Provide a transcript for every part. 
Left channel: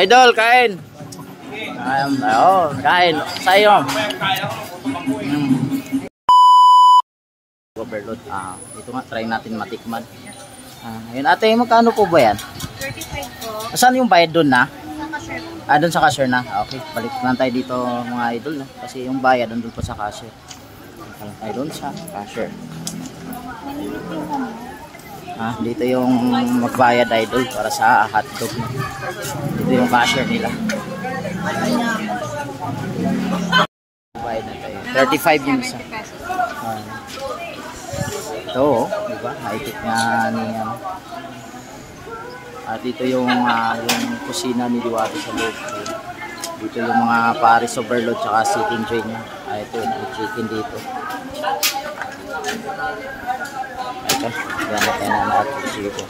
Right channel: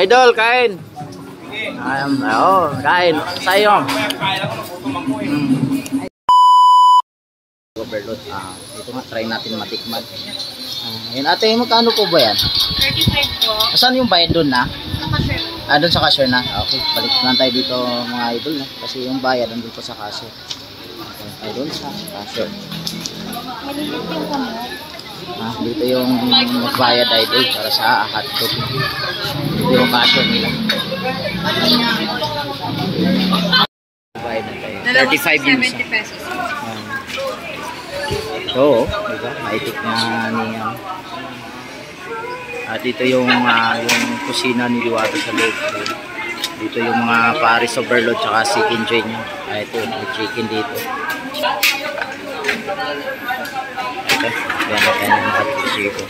Idol, kain. Kain. Sa'yo. Overload. Ito nga, try natin matikman. Yun, ate, magkano po ba yan? 35 po. Saan yung bayad doon na? Sa cashier. Doon sa cashier na? Okay, balik lang tayo dito mga idol. No? Kasi yung bayad doon po sa cashier. Okay, tayo doon sa cashier. Maliliit yung kamo. Dito yung magbayad idol para sa hotdog. Dito yung cashier nila. Bayad na tayo. 35 yung isa. 70 pesos. Ito, diba? Maitik na niya. Dito yung kusina ni Diwata sa loob. Dito yung mga Paris overload tsaka chicken joy niya. Ito yung chicken dito. Ito, yan na tayo na nakapusiko.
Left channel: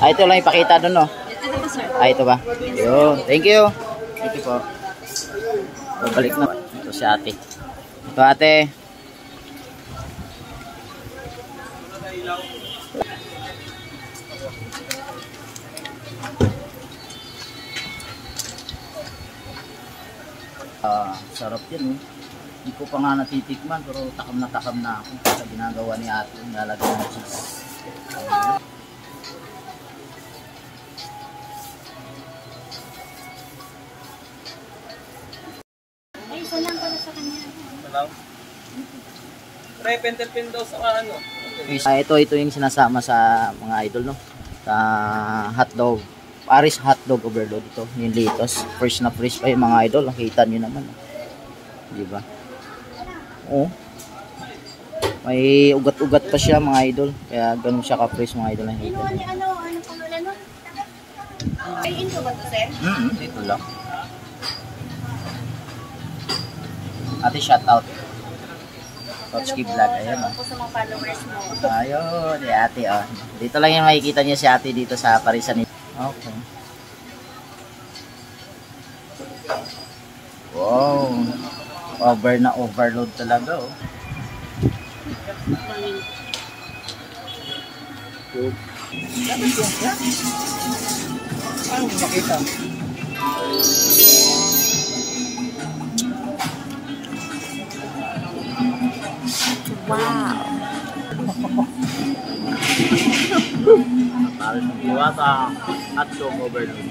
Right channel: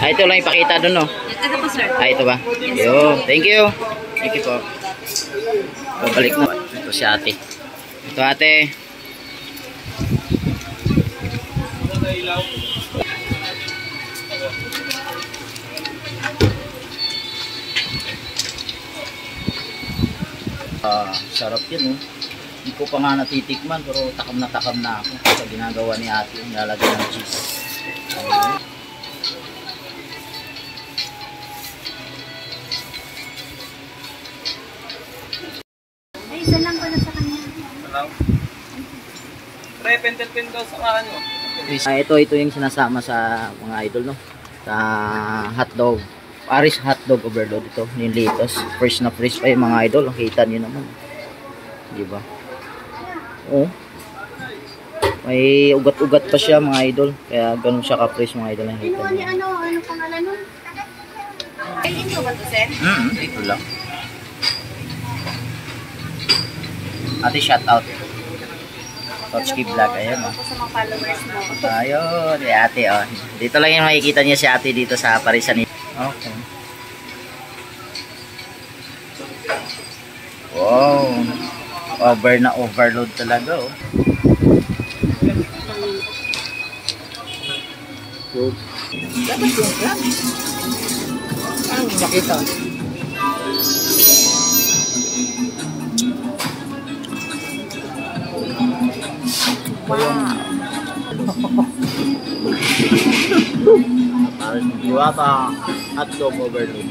Ito lang ipakita doon, no? Ito po, sir. Ito ba? Yo, thank you. Thank you po. Babalik na. Ito si ate. Ito ate. Sarap yan, oh. Hindi ko pa nga natitikman pero takam na ako sa ginagawa ni ate yung lalagyan ng cheese. Ay, isa lang pala sa kanya. Salang. Pentel daw sa ano. Ito yung sinasama sa mga idol, no? Sa hotdog. Paris hotdog overload ito. Yung litos. Fresh na fresh pa yung mga idol. Kita nyo naman. Diba? Oh. May ugat-ugat pa siya mga idol. Kaya ganun siya ka-fresh mga idol. Ano pangalan nun? Ay, intro ba ito, sir? Ito lang. Ate, shout out. Totski Vlog, ayan o. Sa mga followers mo. Ayun, ate o. Dito lang yung makikita niya si ate dito sa Parisan. Okay. Wow. Overload talaga o. Ano makita? Wow. Paris ng Diwata hotdog overload.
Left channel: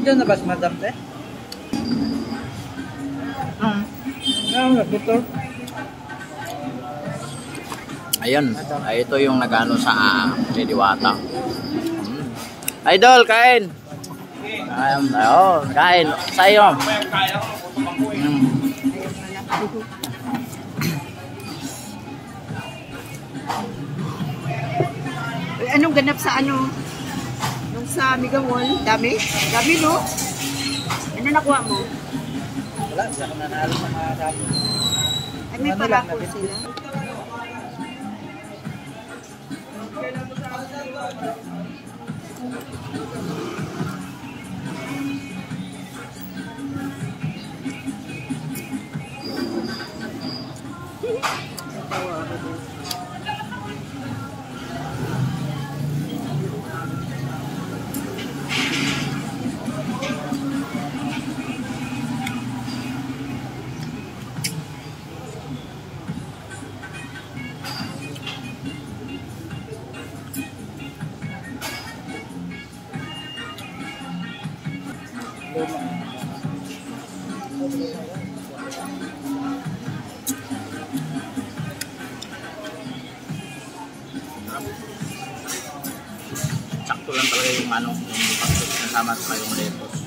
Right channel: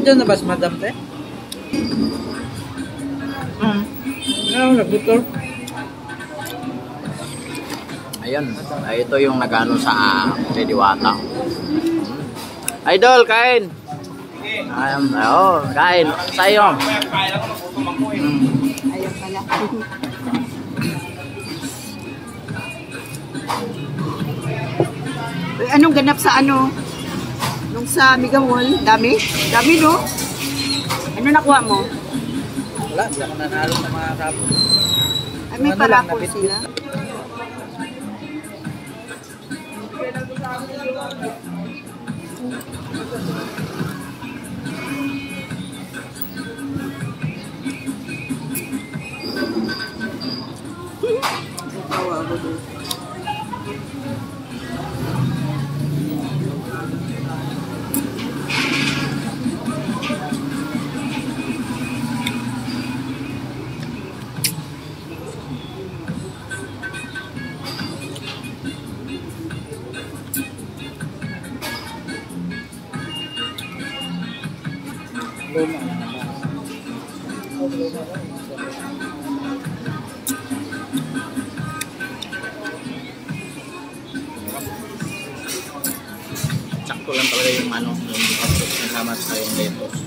Diyan na ba si Madam Pe? Buto. Ayun, ito yung nagano sa Diwata. Idol, kain. Kain. Sa'yo. Kain ako ng gutom ako eh. Anong ganap sa ano? Nung sa Mega Mall? Dami? Dami, no? Ano nakuha mo? Wala, di ako nanalo ng mga rapo. Ay, may parapol sila. Natawa ako doon. Sakto lang talaga yung yung hotdog kasama sa yung lettuce.